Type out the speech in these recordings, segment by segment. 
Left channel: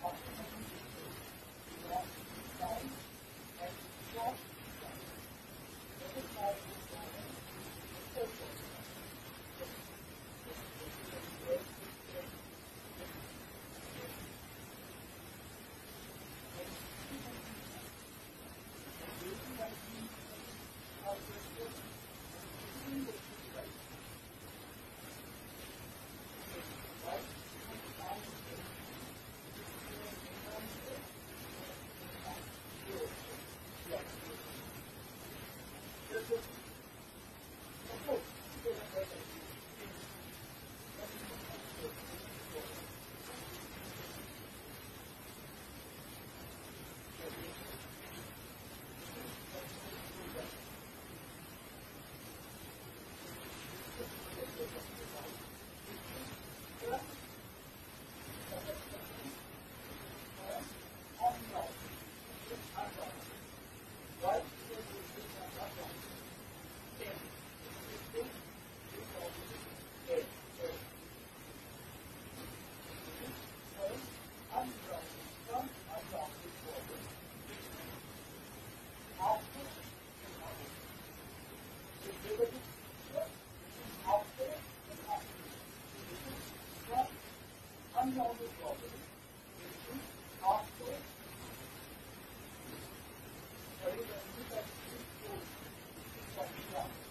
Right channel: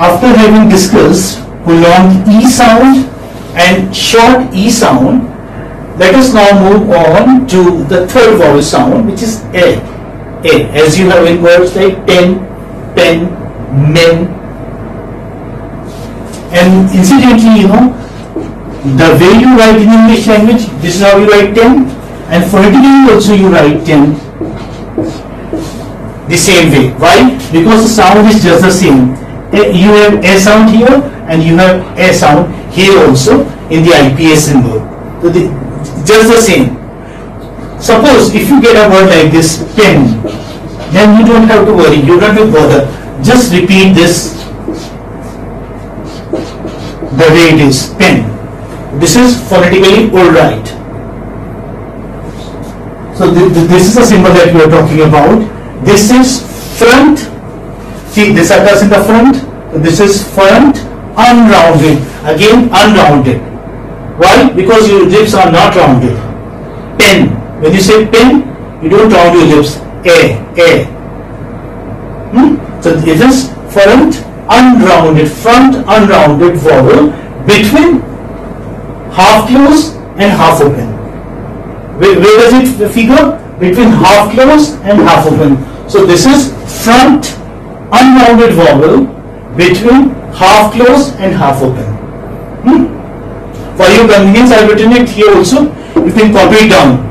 after having discussed prolonged E sound and short E sound, let us now move on to the third vowel sound, which is A. A, as you have in words like pen, men. And incidentally, the way you write in English language, this is how you write 10, and phonetically also you write 10 the same way. Why? Because the sound is just the same. You have A sound here and you have A sound here also in the IPA symbol. So just the same. Suppose if you get a word like this, pen, then you don't have to worry, you don't have to bother. Just repeat this the way it is, pen. This is phonetically alright. So this is a symbol that we are talking about. This is front. See, this occurs in the front. This is front, unrounded. Again, unrounded. Why? Because your lips are not rounded. Pen. When you say pen, you don't round your lips. A. So it is front, unrounded vowel between half closed and half open. Where does it figure? Between half closed and half open. So this is front, unrounded vowel between half closed and half open. For your convenience, I have written it here also. You can copy it down.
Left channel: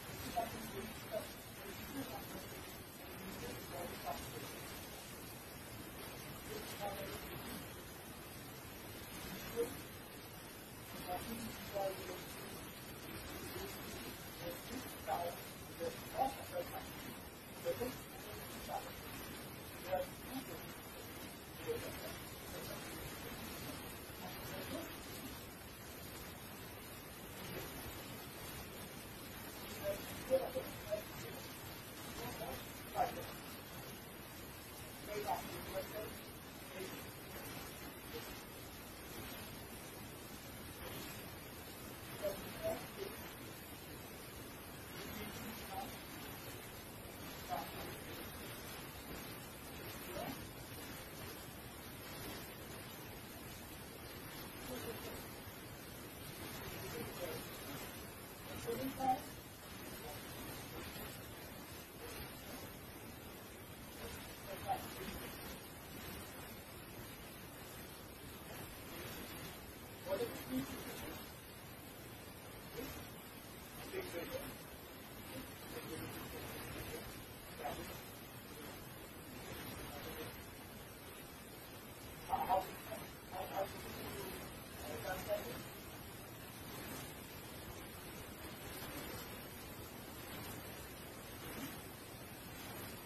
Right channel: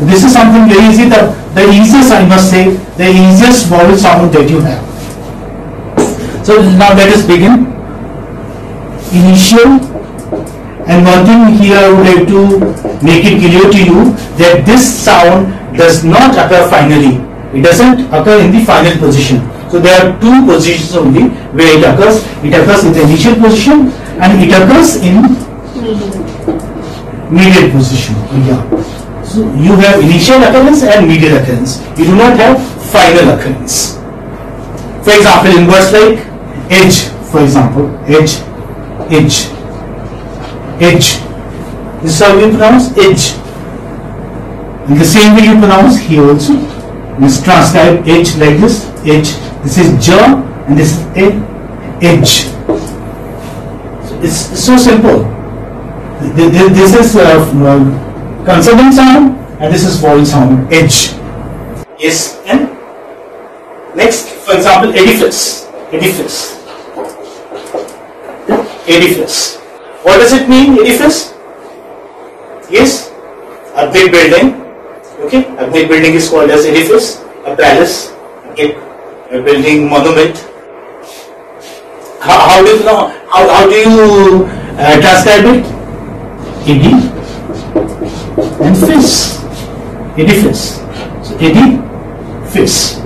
This is something very easy. The easiest, I must say, the easiest vowel sound that you have. So now let us begin. Initial. And one thing here I would like to make it clear to you that this sound does not occur finally. It doesn't occur in the final position. So there are two positions only where it occurs. It occurs in the initial position and it occurs in medial position. Yeah. So you have initial occurrence and medial occurrence. You do not have final occurrence. For example, in words like edge, for example, edge. This is how you pronounce edge. In the same way you pronounce here also. Let's transcribe edge like this. Edge. This is jaw and this is edge. So it's so simple. This is consonant sound and this is vowel sound. Edge. Yes. And next, for example, edifice. What does it mean, edifice? Yes, a big building. Okay, a big building is called as edifice. A palace. Okay, a building, monument. How do you know? How do you transcribe it? Edi and fis. Edifice. So edifice.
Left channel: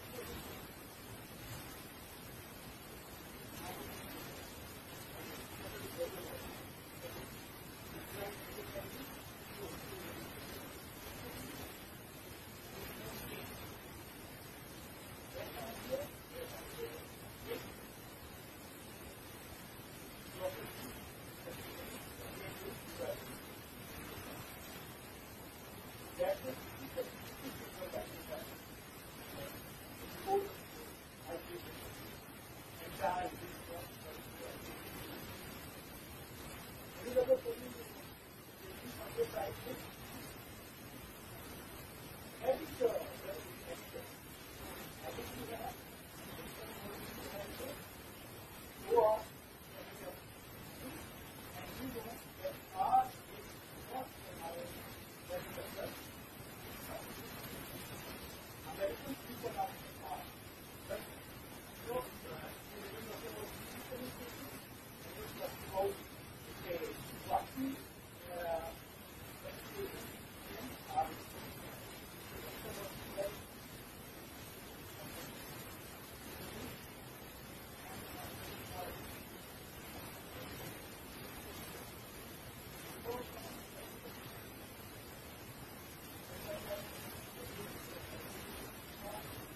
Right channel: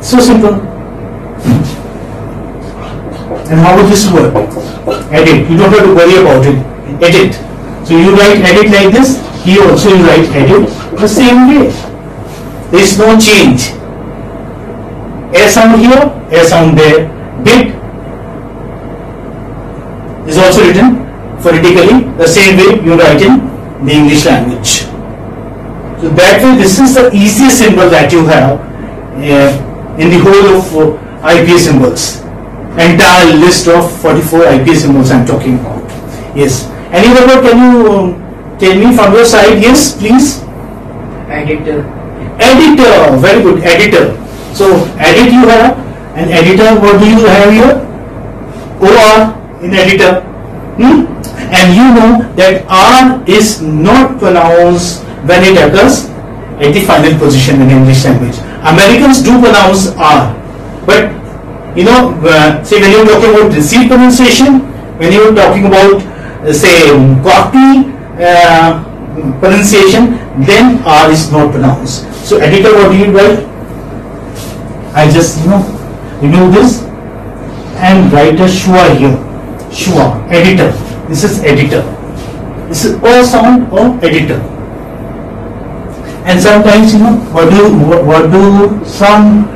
So simple. And how would this work? Edit. You don't have to worry about it. Edit. So you write edit like this. Here also you write edit the same way. There is no change. A sound here, A sound there. Big is also written phonetically the same way you write in the English language. So that way, this is the easiest symbol that you have in the whole of IPA symbols. Entire list of 44 IPA symbols I am talking about. Yes. Any other word can you tell me from your side? Yes, please. Editor. Editor. Very good. Editor. So edit you have, and editor. What do you have here? OR in editor. And you know that R is not pronounced when it occurs at the final position in English language. Americans do pronounce R, but say when you are talking about received pronunciation, when you are talking about say Govt pronunciation, then R is not pronounced. So editor, what do you write? I just remove this and write a schwa here. Schwa, editor. This is editor. This is O sound of editor. And sometimes what do some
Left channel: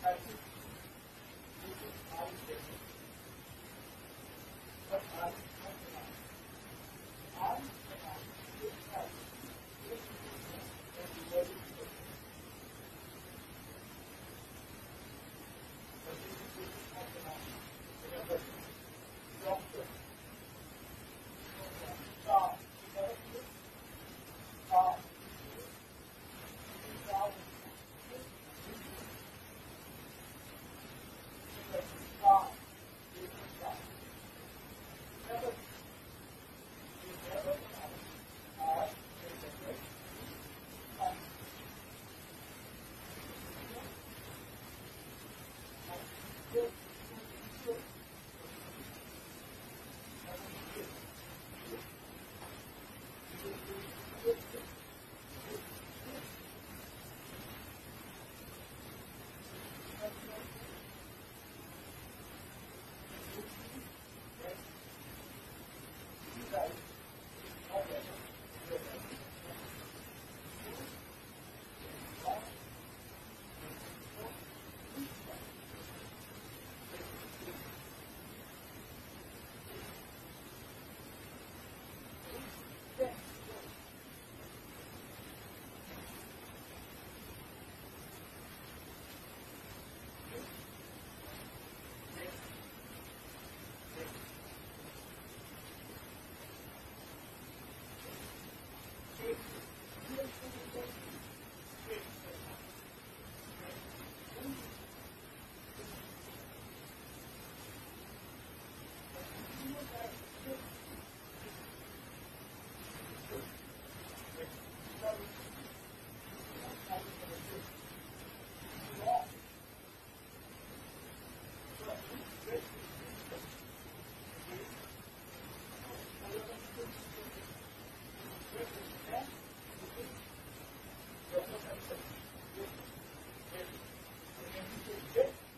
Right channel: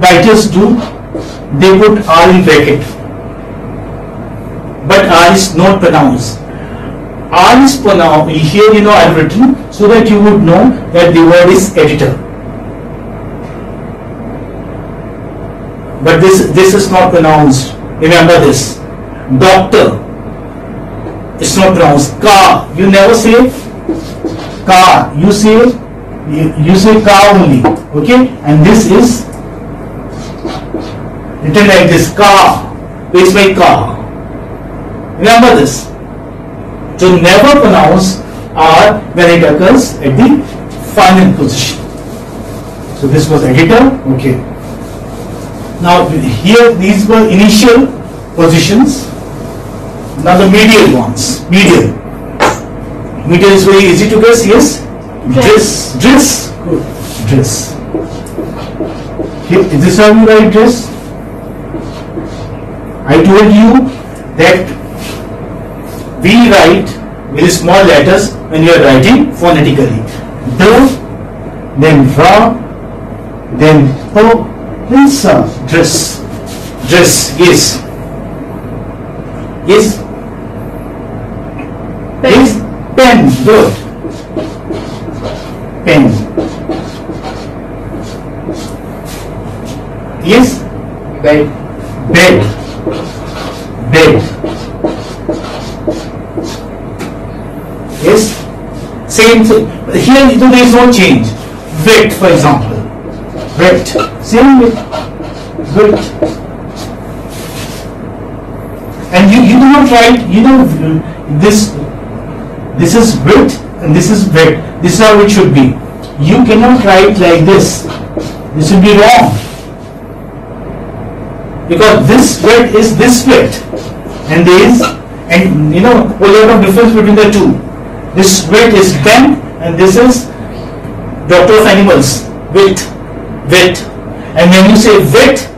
writers do? They put R in bracket, but R is not pronounced. R is pronounced here. You know, I've written so that you would know that the word is editor. But this is not pronounced. Remember this. Doctor. It's not pronounced. Car. You never say car. You say car only. Okay. And this is written like this. Car. It's my car. Remember this. So never pronounce R when it occurs at the final position. So this was editor. Okay. Now here these were initial positions. Now the medial ones. Medial. Medial is very easy to guess. Yes. Dress. Dress. Good. Dress. Here, is this how you write dress? I told you that we write with small letters when you are writing phonetically. The, then ra, then po, then sa. Dress. Dress. Yes. Yes. Pen. Yes. Pen. Good. Pen. Yes. Bed. Bed. Bed. Yes. Same thing. Here there is no change. Wet, for example. Wet. Same with wet. And you do not write, you know, this is wet and this is wet. This is how it should be. You cannot write like this. This will be wrong. Because this wet is this wet. And there is, and you know, a lot of difference between the two. This wet is pen and this is doctor of animals. Wet. Wet. And when you say wet,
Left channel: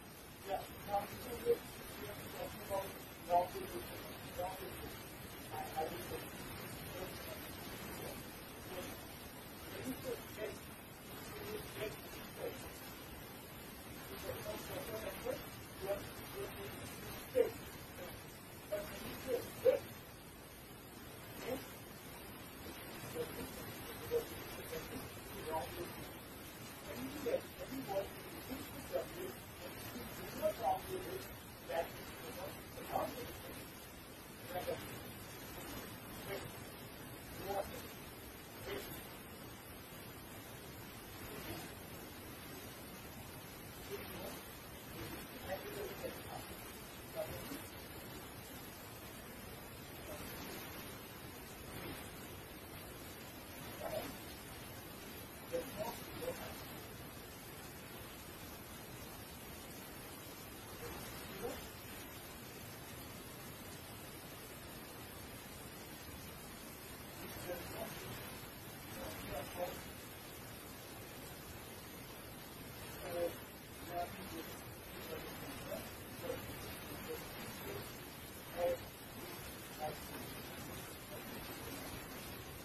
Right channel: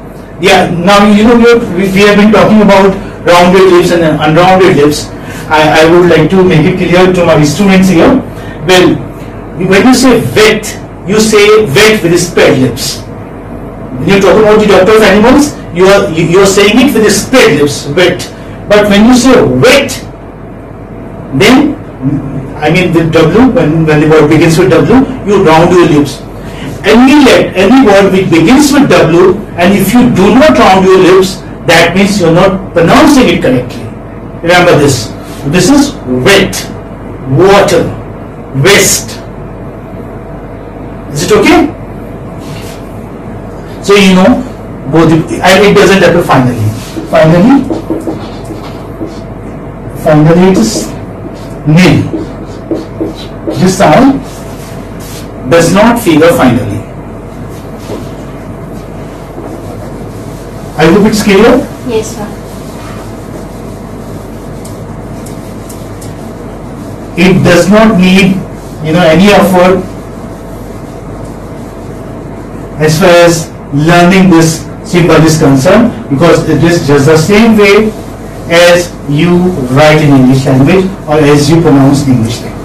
yeah, now you know we have been talking about rounded lips and unrounded lips. I would like to make it clear to my students here. Well, when you say wet, you say wet with spread lips. When you talk about the doctor of animals, you are saying it with spread lips, wet. But when you say wet, then I mean with W, when the word begins with W, you round your lips. Any word which begins with W, and if you do not round your lips, that means you are not pronouncing it correctly. Remember this. This is wet, water, west. Is it okay? So you know both, and it doesn't appear finally. Finally it is nil. This sound does not figure finally. I hope it's clear. Yes, sir. It does not need, you know, any effort as far as learning this symbol is concerned, because it is just the same way as you write in English language or as you pronounce English language.